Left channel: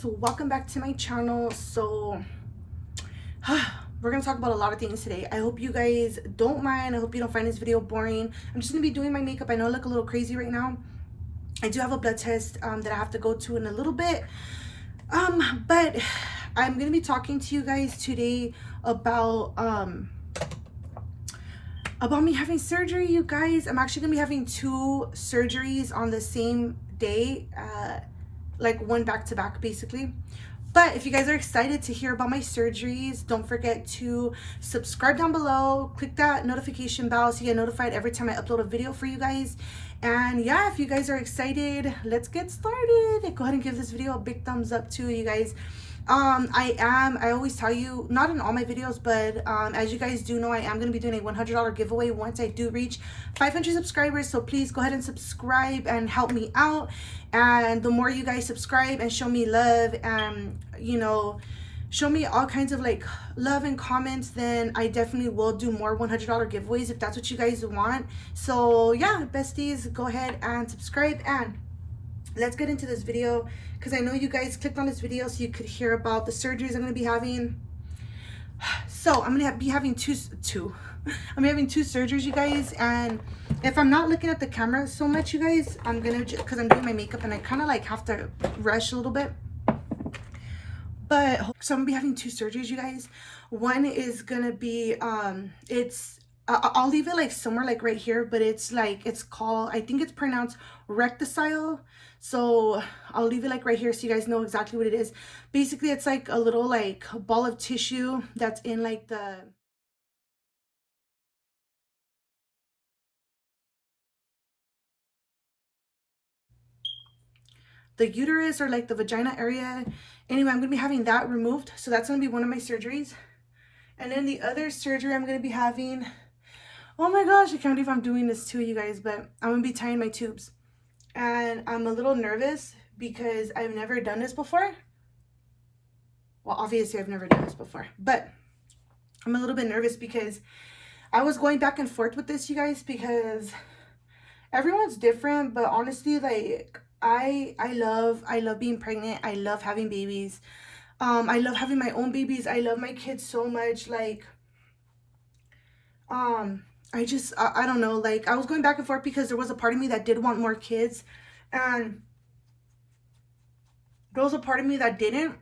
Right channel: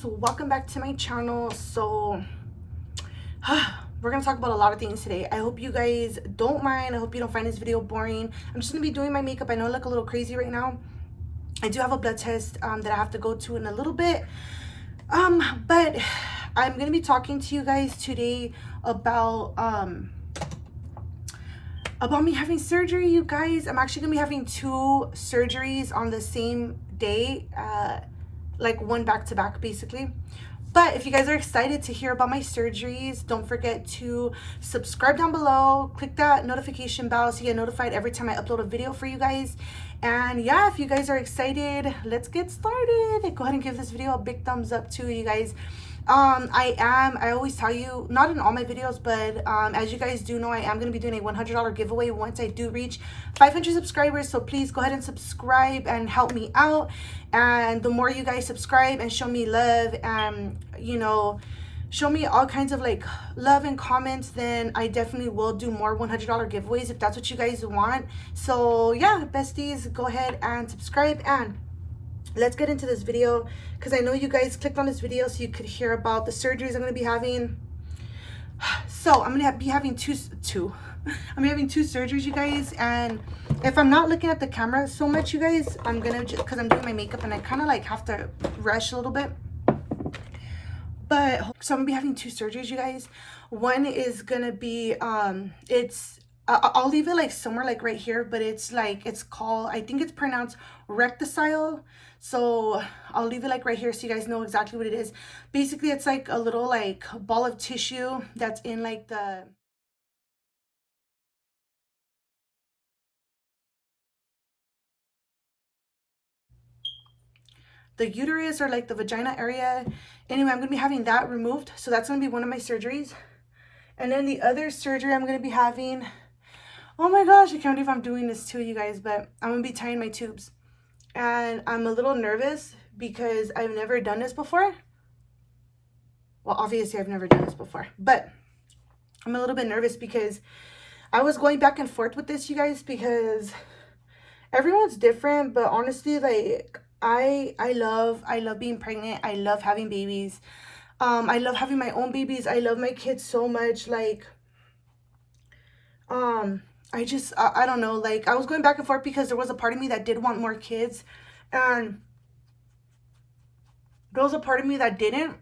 guys, welcome back to my channel. So we're gonna talk about a lot of things today. I hope you guys don't mind. I hope you don't find this video boring. I'm just gonna be doing my makeup. I know I look a little crazy right now. I do have a blood test that I have to go to in a little bit, but I'm gonna be talking to you guys today about me having surgery. You guys, I'm actually gonna be having 2 surgeries on the same day, like one back to back basically. But if you guys are excited to hear about my surgeries, don't forget to subscribe down below, click that notification bell so you get notified every time I upload a video for you guys. And yeah, if you guys are excited, let's get started. Go ahead and give this video a big thumbs up too, you guys. I always tell you, not in all my videos, but as you guys do know, I am going to be doing a $100 giveaway once I do reach 500 subscribers. So please go ahead and subscribe and help me out. And the more you guys subscribe and show me love and, you know, show me all kinds of like love and comments, then I definitely will do more $100 giveaways if that's what you guys want. So yeah, besties, go ahead and subscribe, and let's get into this video, because I know you guys clicked on this video so you could hear about the surgeries I'm going to be having. So I'm going to be having two I'm having 2 surgeries, you guys. And if I'm not looking at the camera so much, you guys, I'm going to, because I'm doing my makeup and I kind of like have to rush a little bit. But so I'm going to be having 2 surgeries, you guys. One is going to be, I'll leave it like somewhere like right here, but it's like, it's called, I think it's pronounced recticile. So I'll leave it like right here so you guys know exactly what it is. Basically, it's like a little like ball of tissue that's in like the uterus or like the vagina area. Anyway, I'm gonna be having that removed. So that's gonna be one of my surgeries. And then the other surgery I'm gonna be having, oh my gosh, I can't believe I'm doing this to you guys, but I'm gonna be tying my tubes. And I'm a little nervous because I've never done this before. Well, obviously I've never done this before, but I'm a little bit nervous because I was going back and forth with this, you guys, because everyone's different. But honestly, like I love being pregnant. I love having babies. I love having my own babies. I love my kids so much. Like I don't know, like I was going back and forth because there was a part of me that did want more kids, and there was a part of me that didn't.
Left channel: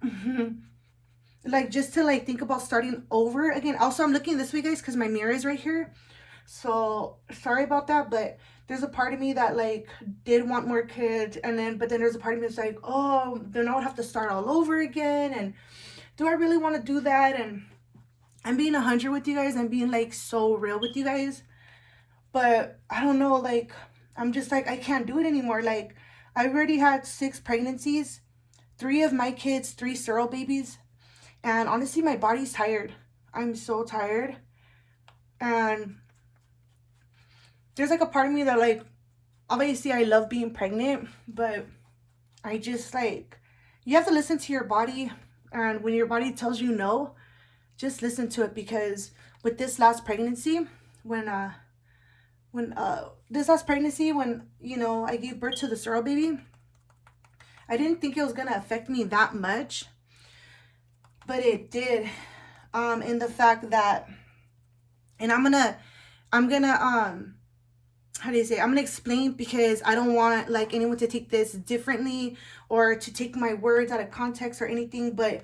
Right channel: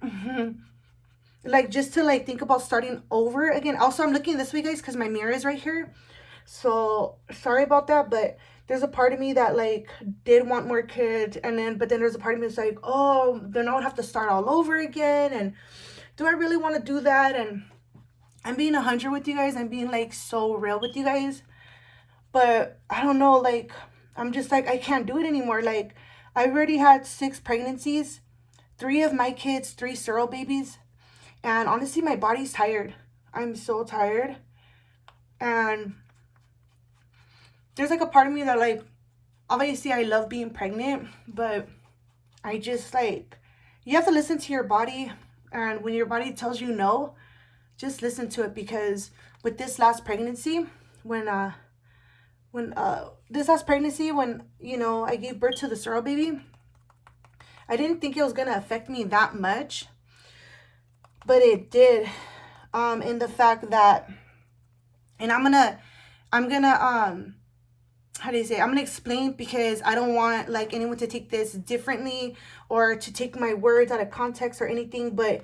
Like just to like think about starting over again. Also, I'm looking this way, guys, because my mirror is right here, so sorry about that. But there's a part of me that like did want more kids, and then but then there's a part of me that's like, oh, then I would have to start all over again, and do I really want to do that? And I'm being 100 with you guys. I'm being like so real with you guys. But I don't know, like I'm just like, I can't do it anymore. Like I already had 6 pregnancies, 3 of my kids, 3 sterile babies. And honestly, my body's tired. I'm so tired. And there's like a part of me that like, obviously I love being pregnant, but I just like, you have to listen to your body. And when your body tells you no, just listen to it. Because with this last pregnancy, when you know, I gave birth to the sterile baby, I didn't think it was gonna affect me that much, but it did. In the fact that, and I'm gonna how do you say, I'm gonna explain, because I don't want like anyone to take this differently or to take my words out of context or anything. But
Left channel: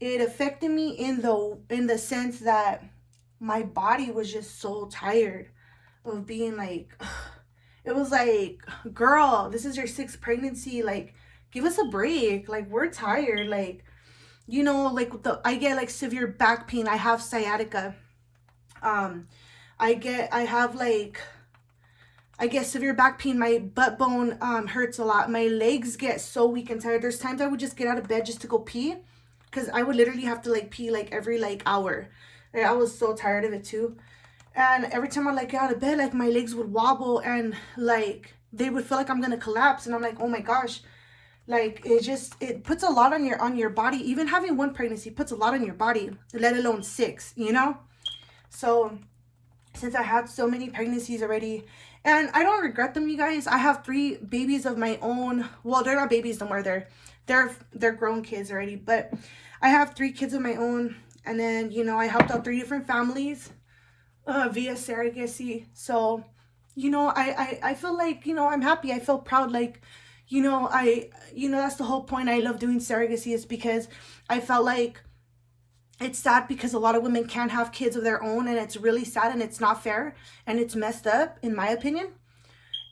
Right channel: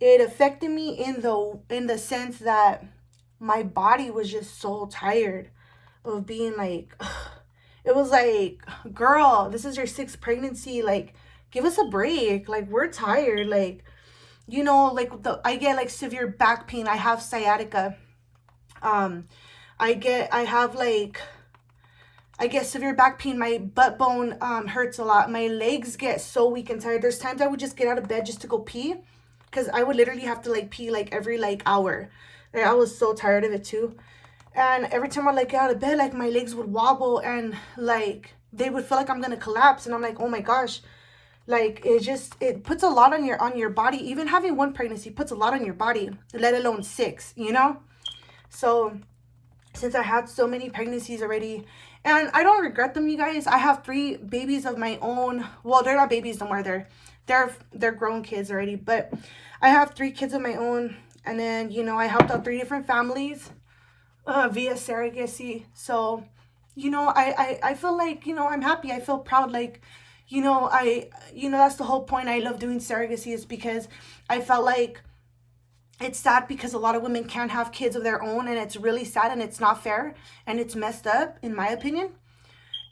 it affected me in the sense that my body was just so tired of being like, it was like, girl, this is your 6th pregnancy, like give us a break, like we're tired. Like, you know, like I get like severe back pain. I have sciatica. I get severe back pain. My butt bone hurts a lot. My legs get so weak and tired. There's times I would just get out of bed just to go pee, because I would literally have to like pee like every like hour. Like, I was so tired of it too. And every time I like get out of bed, like my legs would wobble and like they would feel like I'm gonna collapse. And I'm like, oh my gosh, like it puts a lot on your body. Even having 1 pregnancy puts a lot on your body, let alone 6, you know. So since I had so many pregnancies already. And I don't regret them, you guys. I have 3 babies of my own. Well, they're not babies no more. They're grown kids already. But I have 3 kids of my own. And then, you know, I helped out 3 different families via surrogacy. So, you know, I feel like, you know, I'm happy. I feel proud. Like, you know, that's the whole point. I love doing surrogacy is because I felt like it's sad because a lot of women can't have kids of their own, and it's really sad, and it's not fair, and it's messed up in my opinion.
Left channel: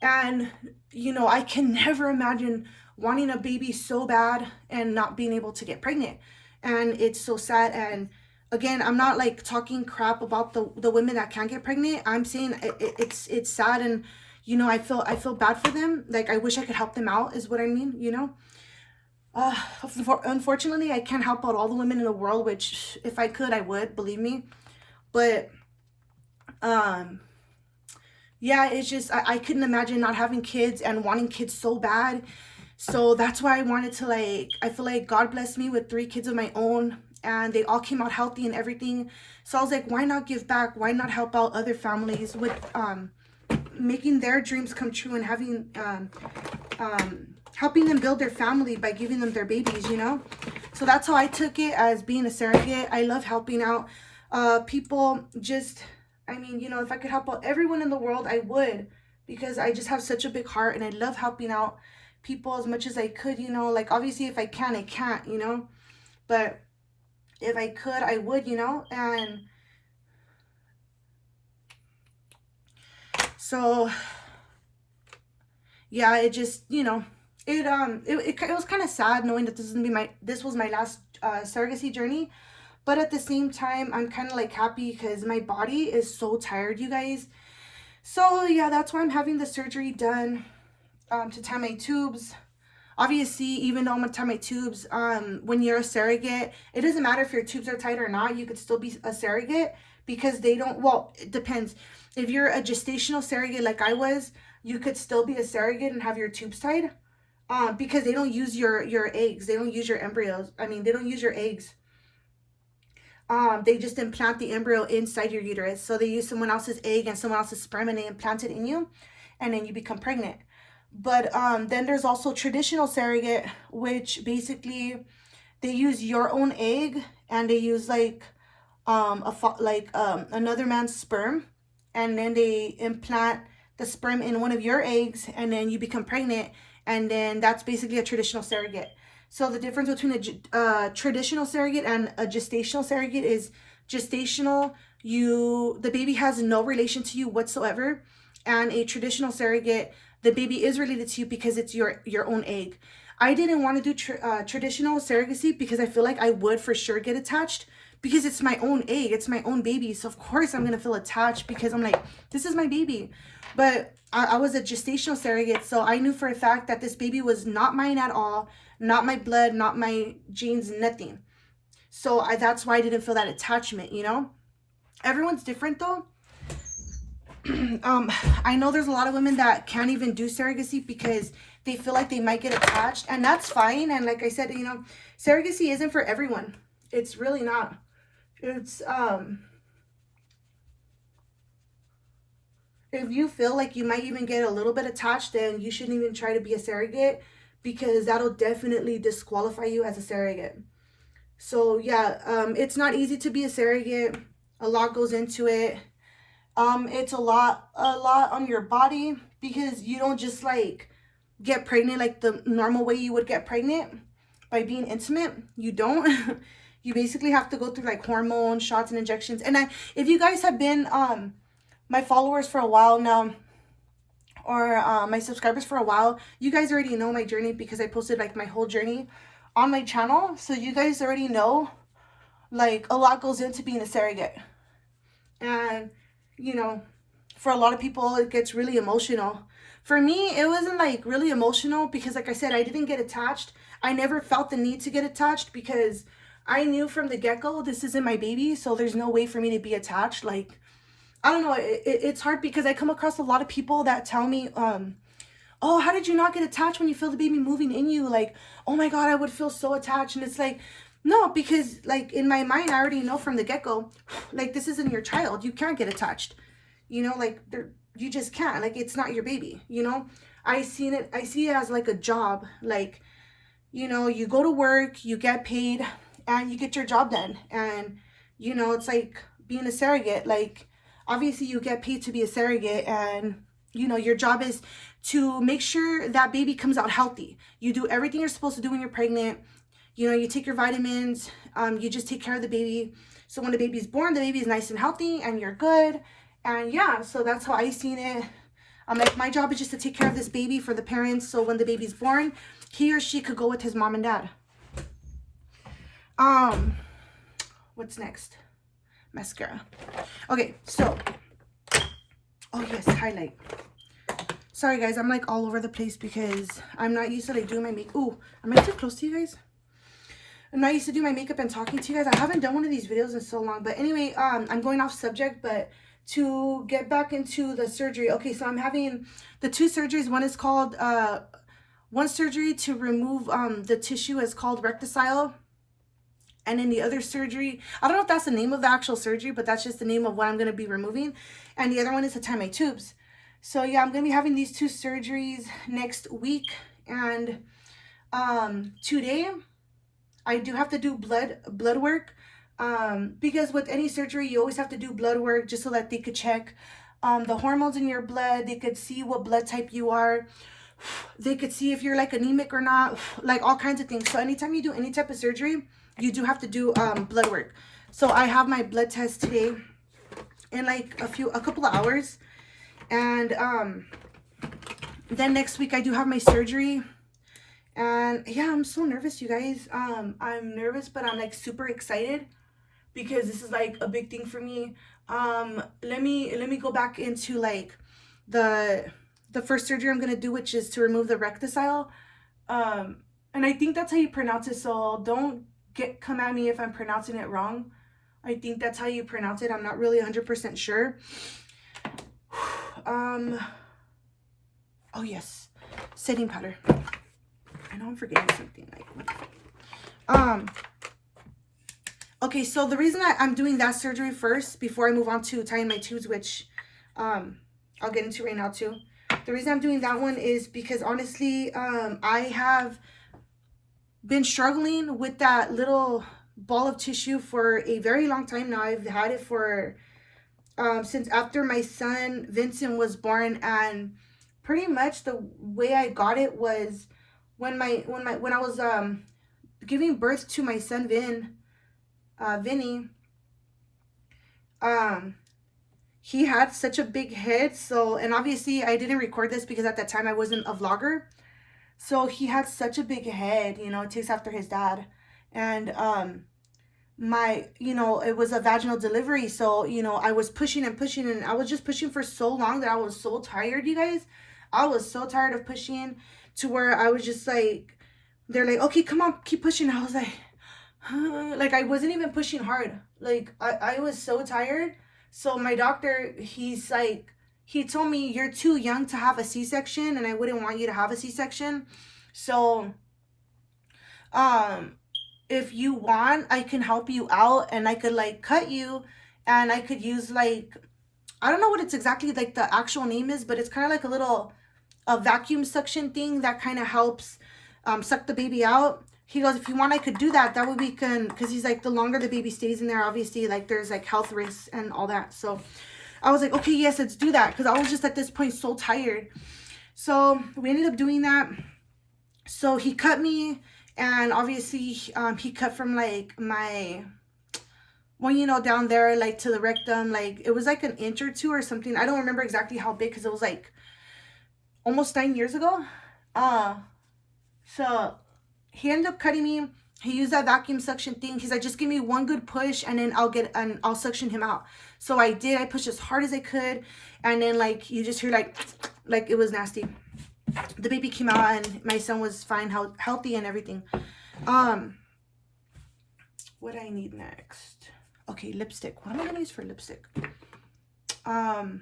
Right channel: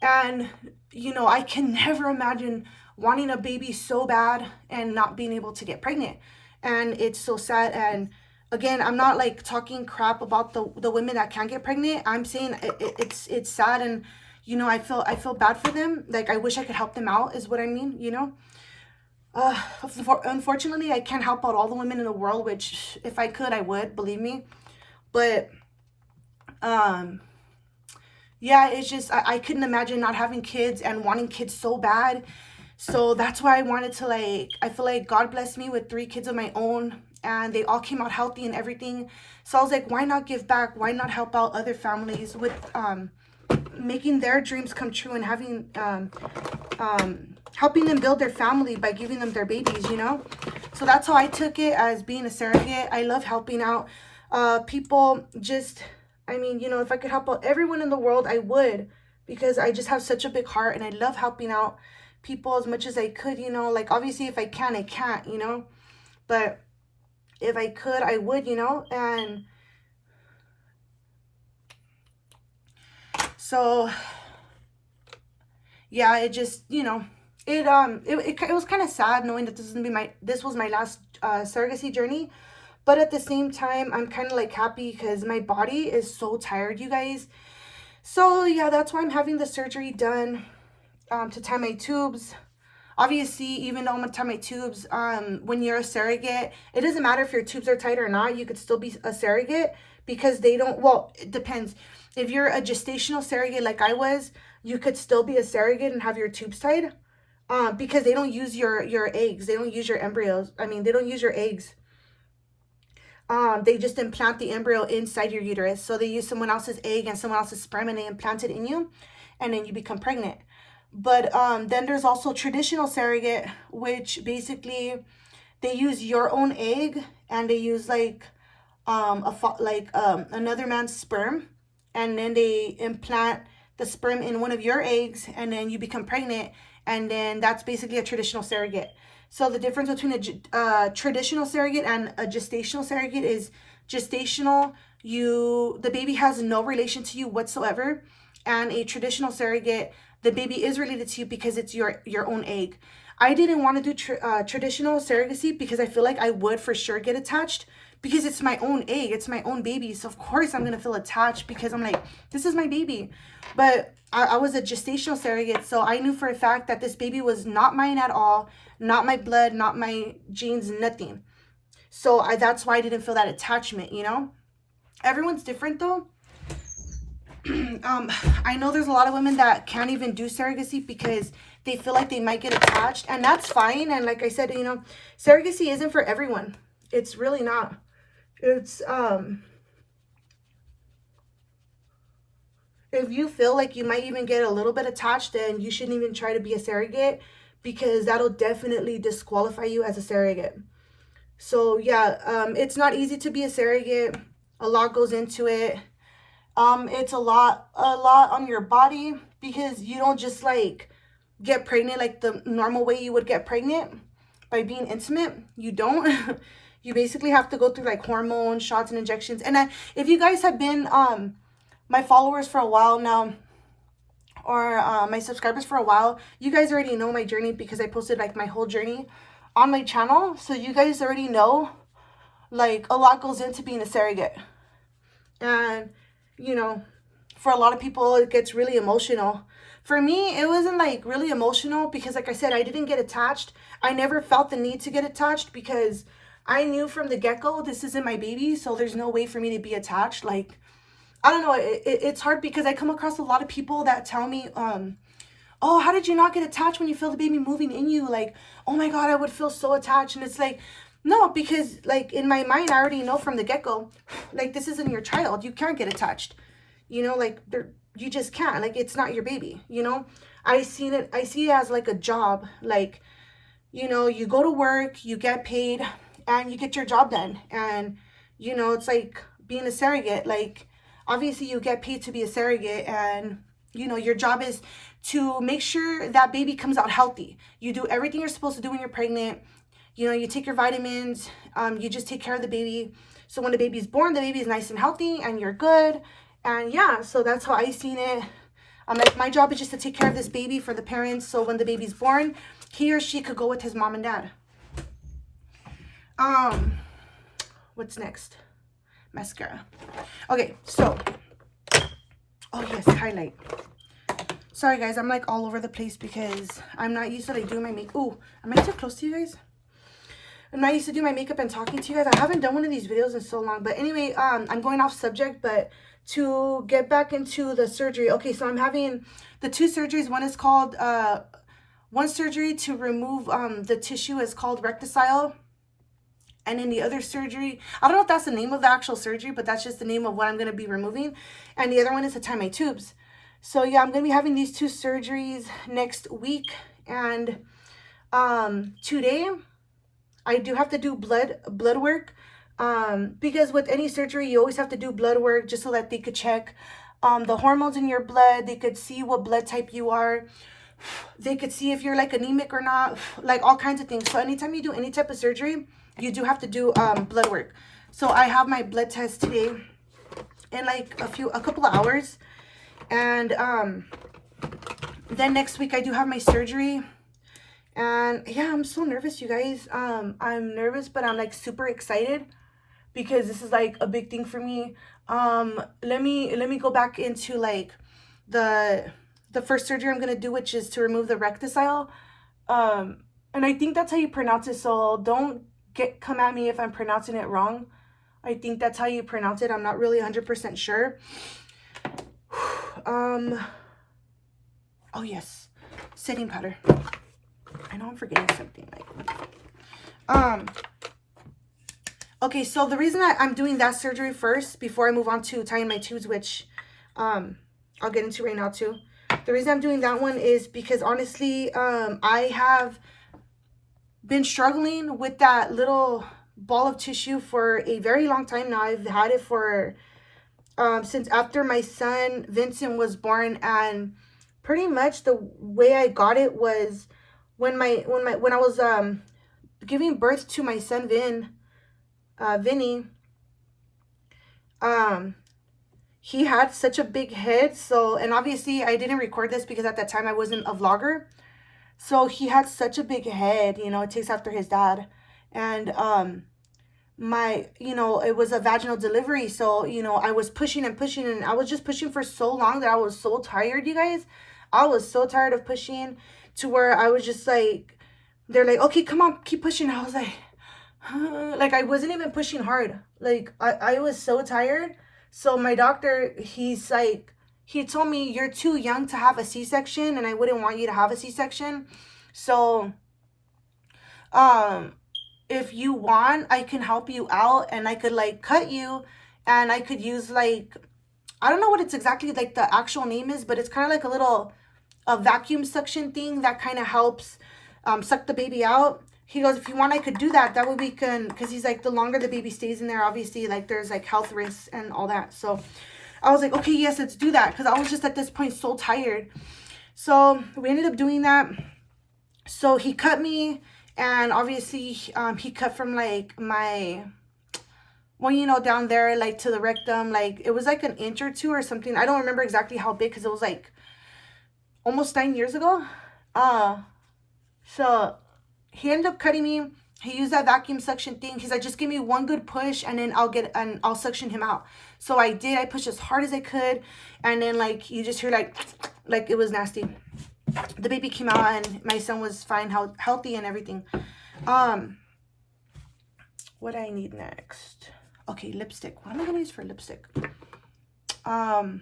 And you know, I can never imagine wanting a baby so bad and not being able to get pregnant. And it's so sad. And again, I'm not like talking crap about the women that can't get pregnant. I'm saying it's sad. And you know, I feel bad for them. Like, I wish I could help them out is what I mean, you know. Unfortunately, I can't help out all the women in the world, which if I could, I would, believe me. But yeah, it's just I couldn't imagine not having kids and wanting kids so bad. So that's why I wanted to, like, I feel like God blessed me with 3 kids of my own, and they all came out healthy and everything. So I was like, why not give back? Why not help out other families with making their dreams come true and having helping them build their family by giving them their babies, you know? So that's how I took it, as being a surrogate. I love helping out people. Just, I mean, you know, if I could help out everyone in the world, I would, because I just have such a big heart, and I love helping out people as much as I could, you know. Like, obviously, if I can, I can't, you know, but if I could, I would, you know. And so yeah, it just, you know, it was kind of sad knowing that this was my last surrogacy journey. But at the same time, I'm kind of like happy because my body is so tired, you guys. So yeah, that's why I'm having the surgery done, to tie my tubes. Obviously, even though I'm gonna tie my tubes, when you're a surrogate, it doesn't matter if your tubes are tight or not. You could still be a surrogate, because they don't, well, it depends. If you're a gestational surrogate like I was, you could still be a surrogate and have your tubes tied, because they don't use your eggs. They don't use your embryos. I mean, they don't use your eggs. They just implant the embryo inside your uterus. So they use someone else's egg and someone else's sperm, and they implant it in you, and then you become pregnant. But then there's also traditional surrogate, which basically they use your own egg, and they use like another man's sperm, and then they implant the sperm in one of your eggs, and then you become pregnant, and then that's basically a traditional surrogate. So the difference between a traditional surrogate and a gestational surrogate is gestational, the baby has no relation to you whatsoever, and a traditional surrogate, the baby is related to you because it's your own egg. I didn't want to do traditional surrogacy because I feel like I would for sure get attached, because it's my own egg, it's my own baby. So of course I'm gonna feel attached, because I'm like, this is my baby. But I was a gestational surrogate, so I knew for a fact that this baby was not mine at all, not my blood, not my genes, nothing. So that's why I didn't feel that attachment, you know. Everyone's different though. I know there's a lot of women that can't even do surrogacy because they feel like they might get attached, and that's fine. And like I said, you know, surrogacy isn't for everyone. It's really not. It's if you feel like you might even get a little bit attached, then you shouldn't even try to be a surrogate, because that'll definitely disqualify you as a surrogate. So yeah, it's not easy to be a surrogate. A lot goes into it. It's a lot on your body, because you don't just like get pregnant like the normal way you would get pregnant by being intimate. You don't. You basically have to go through like hormone shots and injections. And if you guys have been my followers for a while now, or my subscribers for a while, you guys already know my journey, because I posted like my whole journey on my channel. So you guys already know, like, a lot goes into being a surrogate. And you know, for a lot of people it gets really emotional. For me, it wasn't like really emotional, because like I said, I didn't get attached. I never felt the need to get attached, because I knew from the get-go this isn't my baby, so there's no way for me to be attached. Like, I don't know, it's hard, because I come across a lot of people that tell me, oh, how did you not get attached when you feel the baby moving in you? Like, oh my God, I would feel so attached. And it's like, no, because like in my mind, I already know from the get-go, like, this isn't your child. You can't get attached. you know, like you just can't, like, it's not your baby, you know. I see it as like a job, like, you know, you go to work, you get paid, and you get your job done. And, you know, it's like being a surrogate. Like, obviously you get paid to be a surrogate, and, you know, your job is to make sure that baby comes out healthy. You do everything you're supposed to do when you're pregnant. You know, you take your vitamins, you just take care of the baby. So when the baby's born, the baby is nice and healthy and you're good. And yeah, so that's how I seen it. I'm like, my job is just to take care of this baby for the parents. So when the baby's born, he or she could go with his mom and dad. What's next? Mascara. Okay, so, oh yes, highlight. Sorry guys, I'm like all over the place because I'm not used to like doing my makeup. Ooh, am I too close to you guys? I'm not used to doing my makeup and talking to you guys. I haven't done one of these videos in so long. But anyway, I'm going off subject, but to get back into the surgery. Okay, so I'm having the 2 surgeries. One is called, one surgery to remove the tissue is called recticile. And then the other surgery, I don't know if that's the name of the actual surgery, but that's just the name of what I'm going to be removing. And the other one is to tie my tubes. So yeah, I'm going to be having these 2 surgeries next week. And today, I do have to do blood work. Because with any surgery, you always have to do blood work just so that they could check the hormones in your blood. They could see what blood type you are. They could see if you're like anemic or not, like all kinds of things. So anytime you do any type of surgery, you do have to do blood work. So I have my blood test today in like a couple of hours. And then next week I do have my surgery. And yeah, I'm so nervous, you guys. I'm nervous, but I'm like super excited because this is like a big thing for me. Let me go back into like the first surgery I'm gonna do, which is to remove the recticile. And I think that's how you pronounce it, so don't come at me if I'm pronouncing it wrong. I think that's how you pronounce it. I'm not really 100% sure. Oh yes, setting powder. I know I'm forgetting something. Okay, so the reason I'm doing that surgery first before I move on to tying my tubes, which I'll get into right now too. The reason I'm doing that one is because honestly, I have been struggling with that little ball of tissue for a very long time now. I've had it for since after my son Vincent was born, and pretty much the way I got it was when I was giving birth to my son Vinny. He had such a big head, so, and obviously I didn't record this because at that time I wasn't a vlogger. So he had such a big head, you know, it takes after his dad. And you know, it was a vaginal delivery, so, you know, I was pushing and pushing, and I was just pushing for so long that I was so tired, you guys. I was so tired of pushing to where I was just like, they're like, okay, come on, keep pushing. I was like, like I wasn't even pushing hard. Like I was so tired. So my doctor, he's like, he told me, you're too young to have a C-section, and I wouldn't want you to have a C-section. So if you want, I can help you out, and I could like cut you, and I could use like, I don't know what it's exactly like the actual name is, but it's kind of like a vacuum suction thing that kind of helps suck the baby out. He goes, if you want, I could do that. That way we can, because he's like, the longer the baby stays in there, obviously, like there's like health risks and all that. So I was like, okay, yes, let's do that, because I was just at this point so tired. So we ended up doing that. So he cut me, and obviously he cut from like my, well, you know, down there, like to the rectum, like it was like an inch or 2 or something. I don't remember exactly how big, because it was like almost 9 years ago. So he ended up cutting me. He used that vacuum suction thing. He's like, just give me one good push, and then I'll suction him out. So I did. I pushed as hard as I could, and then like you just hear like it was nasty. The baby came out, and my son was fine, healthy, and everything. What I need next? Okay, lipstick. What am I gonna use for lipstick? I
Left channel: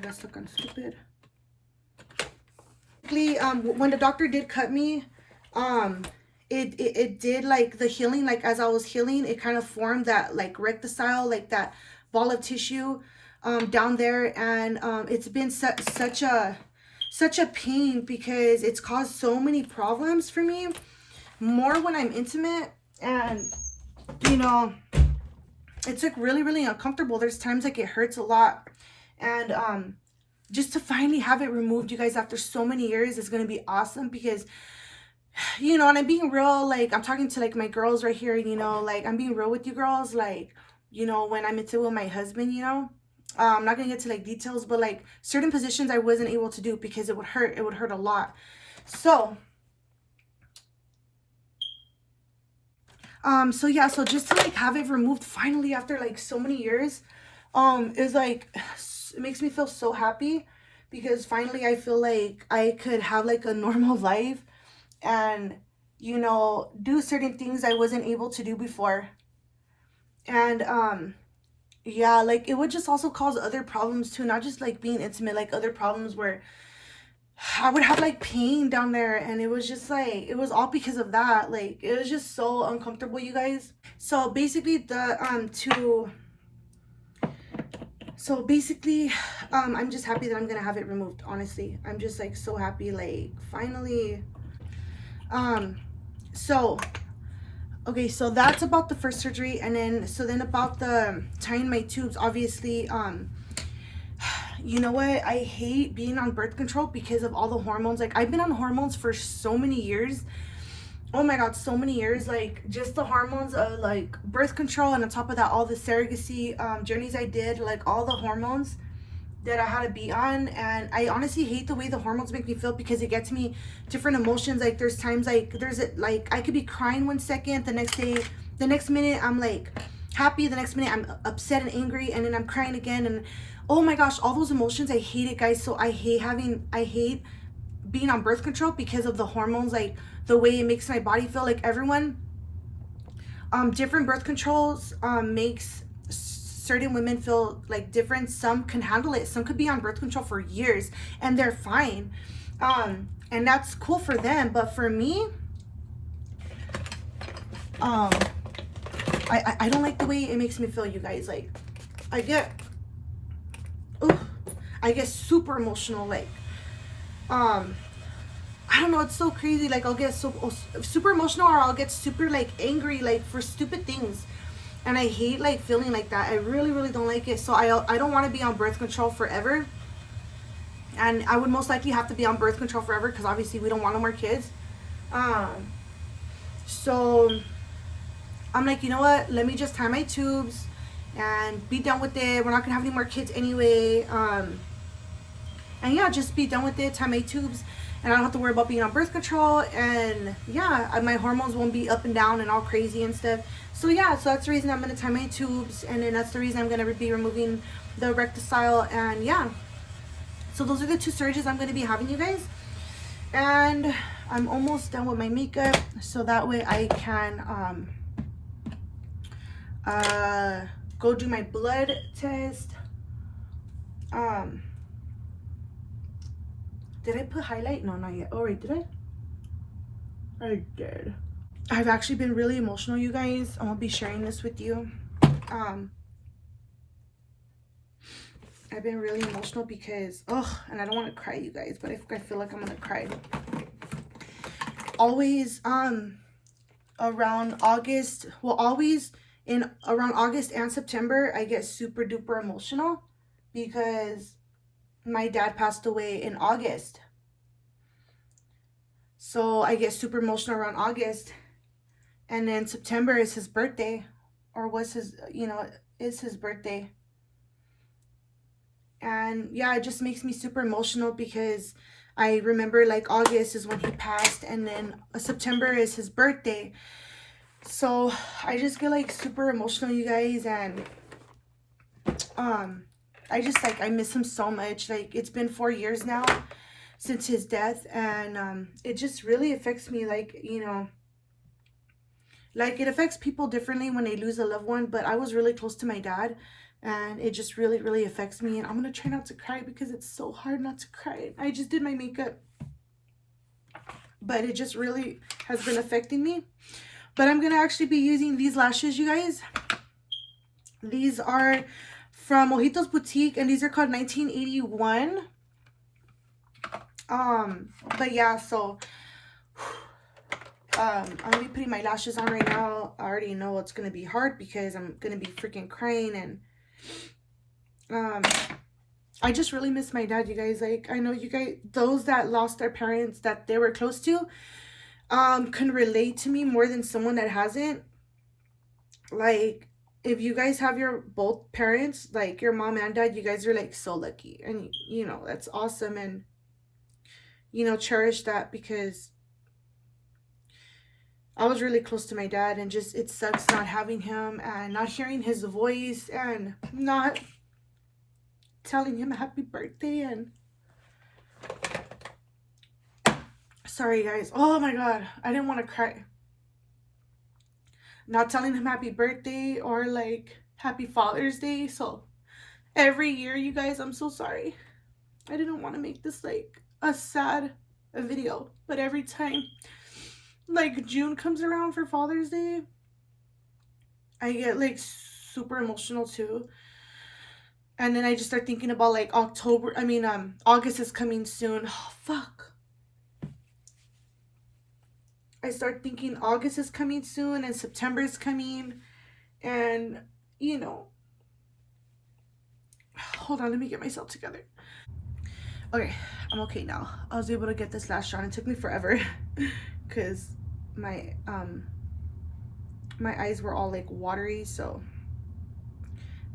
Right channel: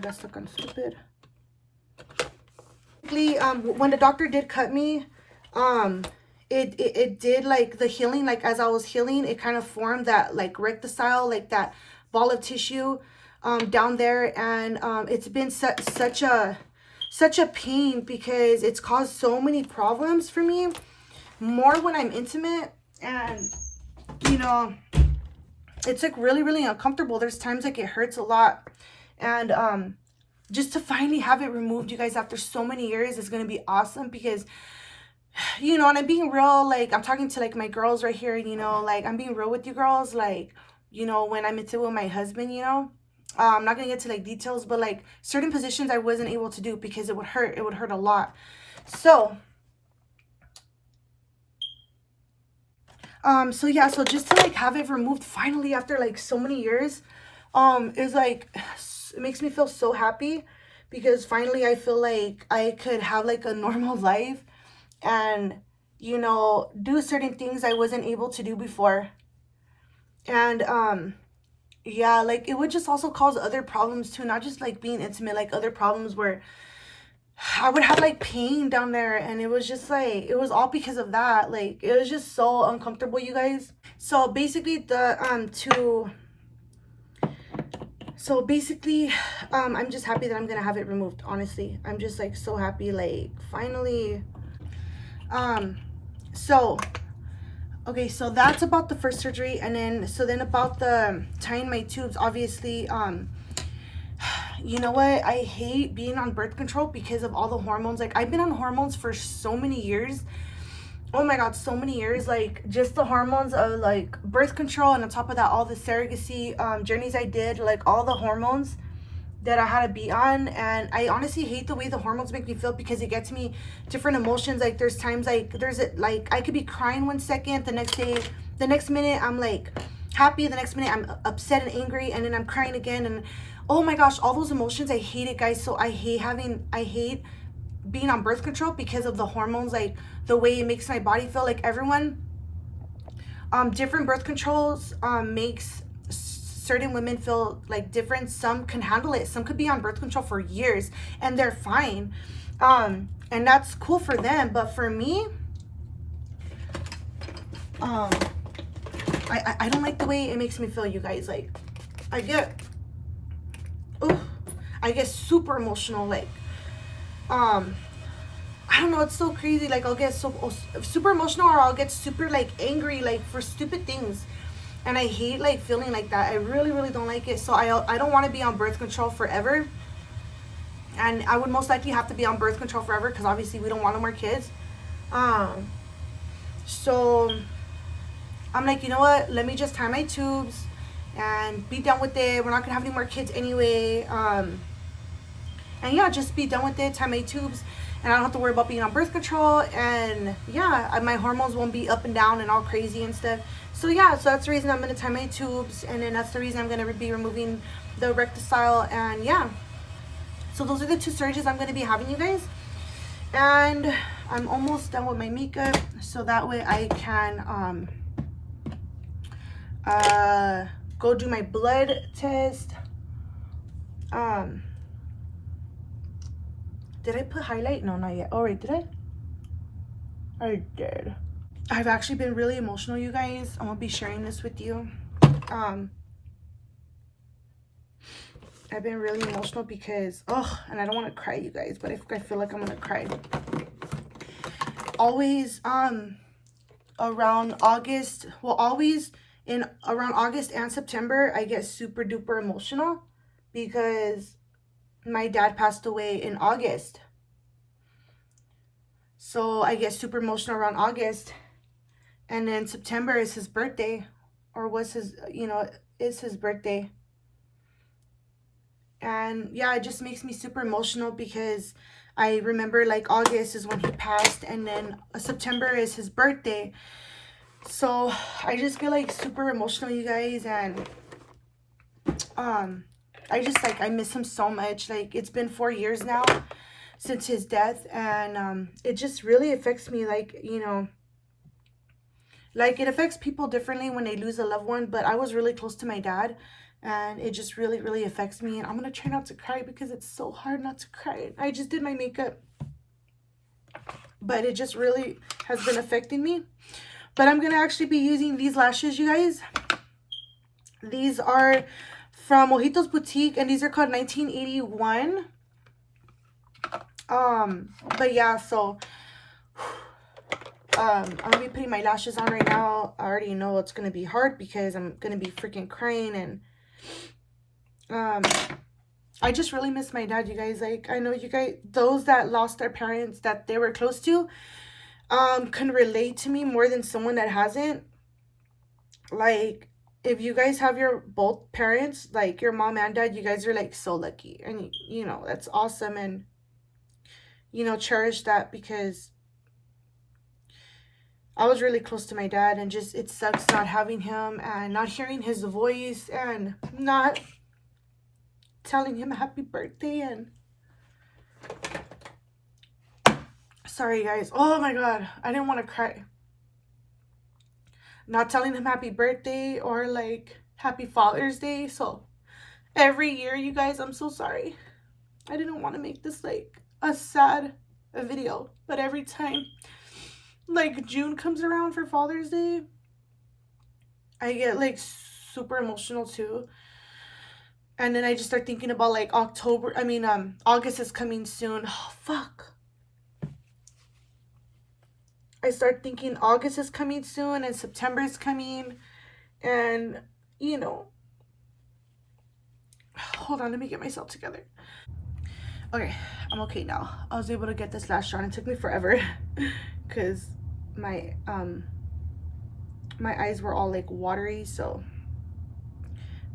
guess looking stupid. When the doctor did cut me, it did like the healing, like as I was healing, it kind of formed that like recticile, like that ball of tissue. down there, and it's been such a pain because it's caused so many problems for me, more when I'm intimate. And you know, it's like really uncomfortable. There's times like it hurts a lot. And just to finally have it removed, you guys, after so many years, is gonna be awesome. Because you know, and I'm being real, like I'm talking to like my girls right here, you know, like I'm being real with you girls. Like, you know, when I'm into with my husband, you know, I'm not gonna get to like details, but like certain positions I wasn't able to do because it would hurt a lot. So so yeah, so just to like have it removed finally after like so many years, is like, it makes me feel so happy, because finally I feel like I could have like a normal life, and you know, do certain things I wasn't able to do before. And yeah, like it would just also cause other problems too, not just like being intimate, like other problems where I would have like pain down there, and it was just like, it was all because of that. Like it was just so uncomfortable, you guys. So basically I'm just happy that I'm gonna have it removed. Honestly, I'm just like so happy, like finally. So okay, so that's about the first surgery. And then about the tying my tubes, obviously, you know what, I hate being on birth control because of all the hormones. Like I've been on hormones for so many years. Oh my god, so many years. Like just the hormones of like birth control, and on top of that, all the surrogacy journeys I did, like all the hormones that I had to be on. And I honestly hate the way the hormones make me feel, because it gets me different emotions. Like there's times like like I could be crying one second, the next minute I'm like happy, the next minute I'm upset and angry, and then I'm crying again. And oh my gosh, all those emotions, I hate it, guys. So I hate being on birth control because of the hormones, like the way it makes my body feel. Like everyone, different birth controls makes certain women feel like different. Some can handle it, some could be on birth control for years and they're fine, and that's cool for them. But for me, I don't like the way it makes me feel, you guys. Like I get super emotional. Like I don't know, it's so crazy. Like I'll get super emotional, or I'll get super like angry, like for stupid things. And I hate like feeling like that. I really don't like it. So I don't want to be on birth control forever. And I would most likely have to be on birth control forever, because obviously we don't want no more kids. So I'm like, you know what? Let me just tie my tubes and be done with it. We're not gonna have any more kids anyway. And yeah, just be done with it. Tie my tubes, and I don't have to worry about being on birth control. And yeah, my hormones won't be up and down and all crazy and stuff. So yeah, so that's the reason I'm gonna tie my tubes, and then that's the reason I'm gonna be removing the recticile. And yeah, so those are the two surgeries I'm gonna be having, you guys. And I'm almost done with my makeup, so that way I can go do my blood test. Did I put highlight? No, not yet. Oh, wait, did I? I did. I've actually been really emotional, you guys. I'm gonna be sharing this with you. I've been really emotional because, and I don't want to cry, you guys, but I feel like I'm gonna cry. Always, around August, around August and September, I get super duper emotional because my dad passed away in August. So I get super emotional around August. And then September is his birthday, or was his, is his birthday. And yeah, it just makes me super emotional because I remember like August is when he passed, and then September is his birthday. So I just get like super emotional, you guys. And I just like, I miss him so much. Like it's been 4 years now since his death, and it just really affects me. Like, like it affects people differently when they lose a loved one, but I was really close to my dad, and it just really affects me. And I'm gonna try not to cry because it's so hard not to cry. I just did my makeup, but it just really has been affecting me. But I'm gonna actually be using these lashes, you guys. These are from Mojitos Boutique, and these are called 1981. But yeah, so I'm gonna be putting my lashes on right now. I already know it's gonna be hard because I'm gonna be freaking crying, and I just really miss my dad, you guys. Like, I know you guys, those that lost their parents that they were close to, can relate to me more than someone that hasn't. Like, if you guys have your both parents, like your mom and dad, you guys are like so lucky, and you know that's awesome, and you know, cherish that, because I was really close to my dad, and just it sucks not having him and not hearing his voice and not telling him happy birthday. And sorry guys, oh my god, I didn't want to cry. Not telling him happy birthday or like happy Father's Day. So every year, you guys, I'm so sorry. I didn't want to make this like a sad video, but every time like June comes around for Father's Day, I get like super emotional too. And then I just start thinking about like August is coming soon. Oh, fuck. I start thinking August is coming soon and September is coming. And, you know, hold on, let me get myself together. Okay, I'm okay now. I was able to get this lash on. It took me forever because my my eyes were all like watery. So,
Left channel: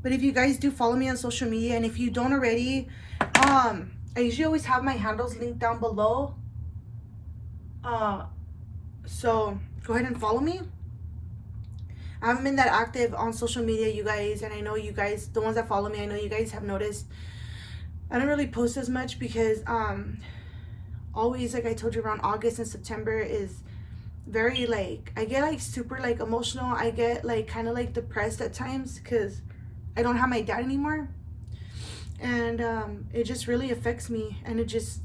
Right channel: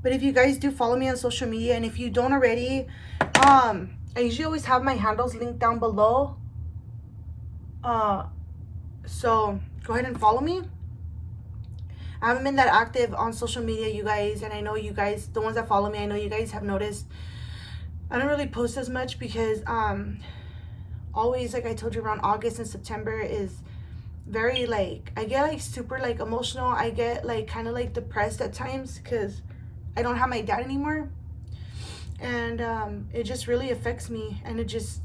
but if you guys do follow me on social media, and if you don't already, I usually always have my handles linked down below. So go ahead and follow me. I haven't been that active on social media, you guys, and I know you guys, the ones that follow me, I know you guys have noticed I don't really post as much because always, like I told you, around August and September is very like, I get like super like emotional. I get like kind of like depressed at times because I don't have my dad anymore, and it just really affects me, and it just,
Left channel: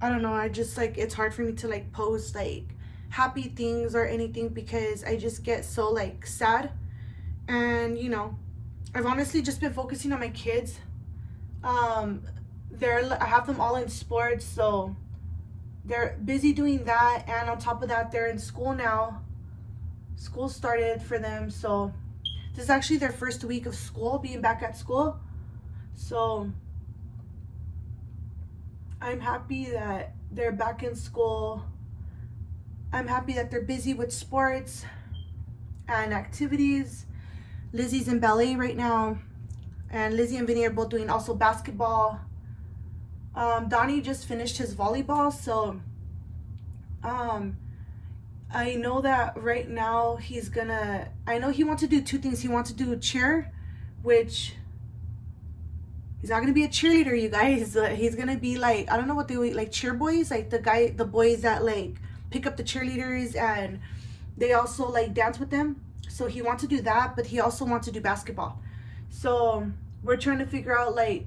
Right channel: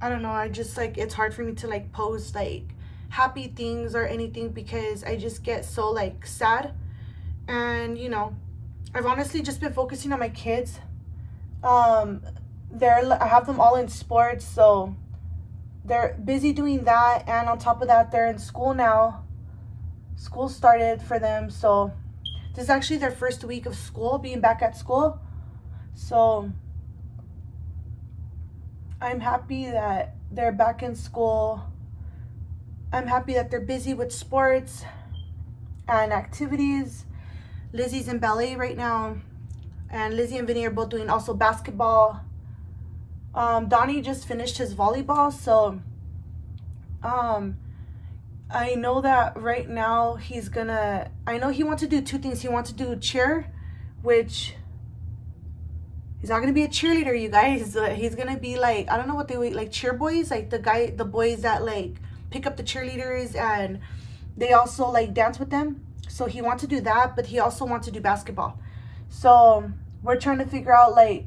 I don't know, I just like, it's hard for me to like post like happy things or anything because I just get so like sad. And you know, I've honestly just been focusing on my kids. I have them all in sports, so they're busy doing that, and on top of that they're in school now. School started for them, so this is actually their first week of school, being back at school. So I'm happy that they're back in school. I'm happy that they're busy with sports and activities. Lizzie's in ballet right now, and Lizzie and Vinny are both doing also basketball. Donnie just finished his volleyball, so I know that right now I know he wants to do two things. He wants to do cheer, which he's not gonna be a cheerleader, you guys. He's gonna be like, I don't know what they like, cheer boys, like the boys that like pick up the cheerleaders and they also like dance with them. So he wants to do that, but he also wants to do basketball. So we're trying to figure out like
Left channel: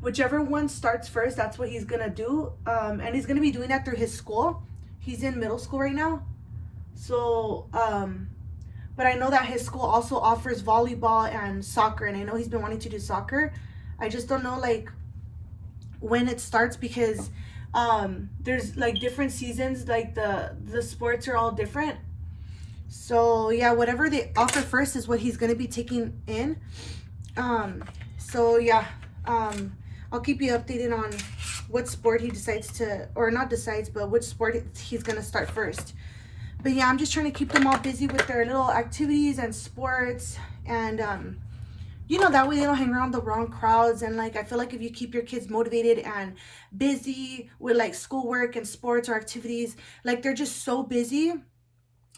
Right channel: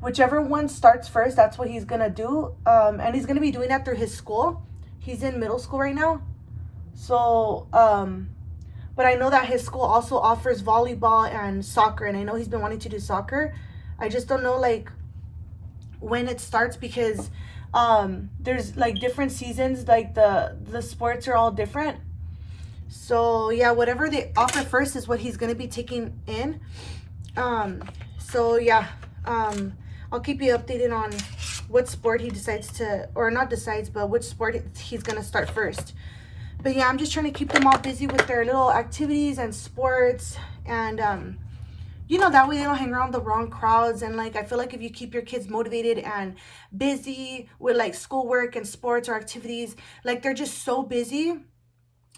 whichever one starts first, that's what he's gonna do. And he's gonna be doing that through his school. He's in middle school right now. So but I know that his school also offers volleyball and soccer, and I know he's been wanting to do soccer. I just don't know like when it starts, because there's like different seasons, like the sports are all different. So yeah, whatever they offer first is what he's gonna be taking in. So yeah, I'll keep you updated on what sport he decides to, or not decides, but which sport he's gonna start first. But yeah, I'm just trying to keep them all busy with their little activities and sports, and you know, that way they don't hang around the wrong crowds. And like, I feel like if you keep your kids motivated and busy with like schoolwork and sports or activities, like they're just so busy,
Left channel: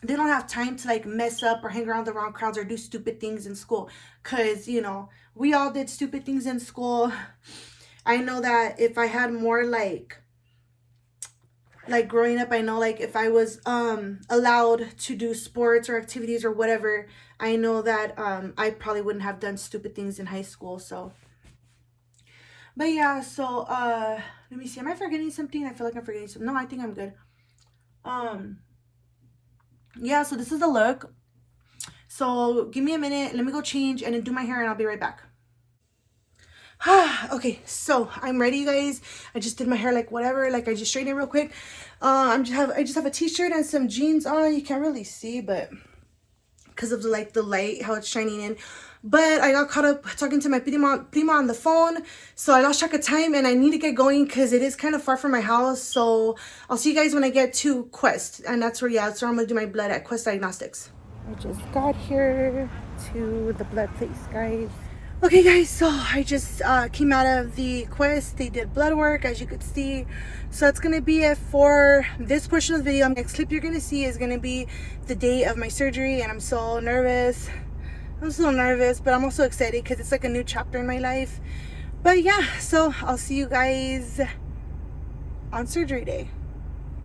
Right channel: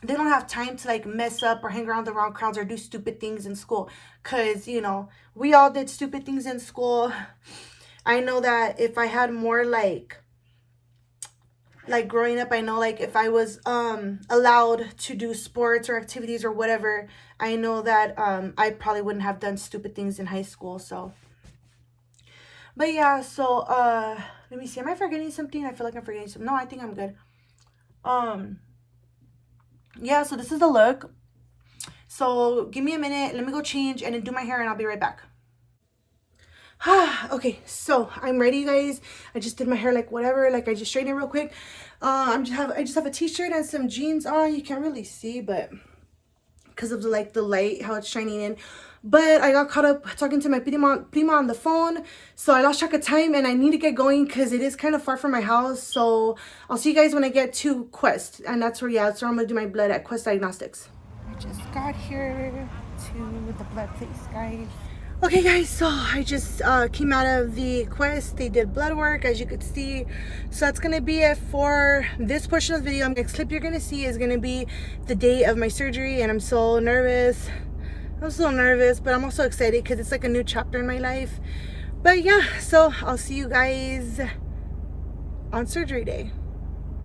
they don't have time to like mess up or hang around the wrong crowds or do stupid things in school. Because, you know, we all did stupid things in school. I know that if I had more like growing up, I know like if I was allowed to do sports or activities or whatever, I know that I probably wouldn't have done stupid things in high school. So but yeah, so let me see, am I forgetting something? I feel like I'm forgetting something. No, I think I'm good. Yeah, so this is the look. So give me a minute, let me go change and then do my hair, and I'll be right back. Okay, so I'm ready, you guys. I just did my hair, like whatever, like I just straightened it real quick. I just have a t-shirt and some jeans on. You can't really see, but because of the light, how it's shining in. But I got caught up talking to my prima on the phone, so I lost track of time, and I need to get going because it is kind of far from my house. So I'll see you guys when I get to Quest, and that's where I'm gonna do my blood at Quest Diagnostics. I just got here to the blood place, guys. Okay guys, so I just came out of the Quest. They did blood work, as you could see. So that's gonna be it for this portion of the video. The next clip you're gonna see is gonna be the day of my surgery, and I'm so nervous. I'm so nervous, but I'm also excited because it's like a new chapter in my life. But yeah, so I'll see you guys on surgery day.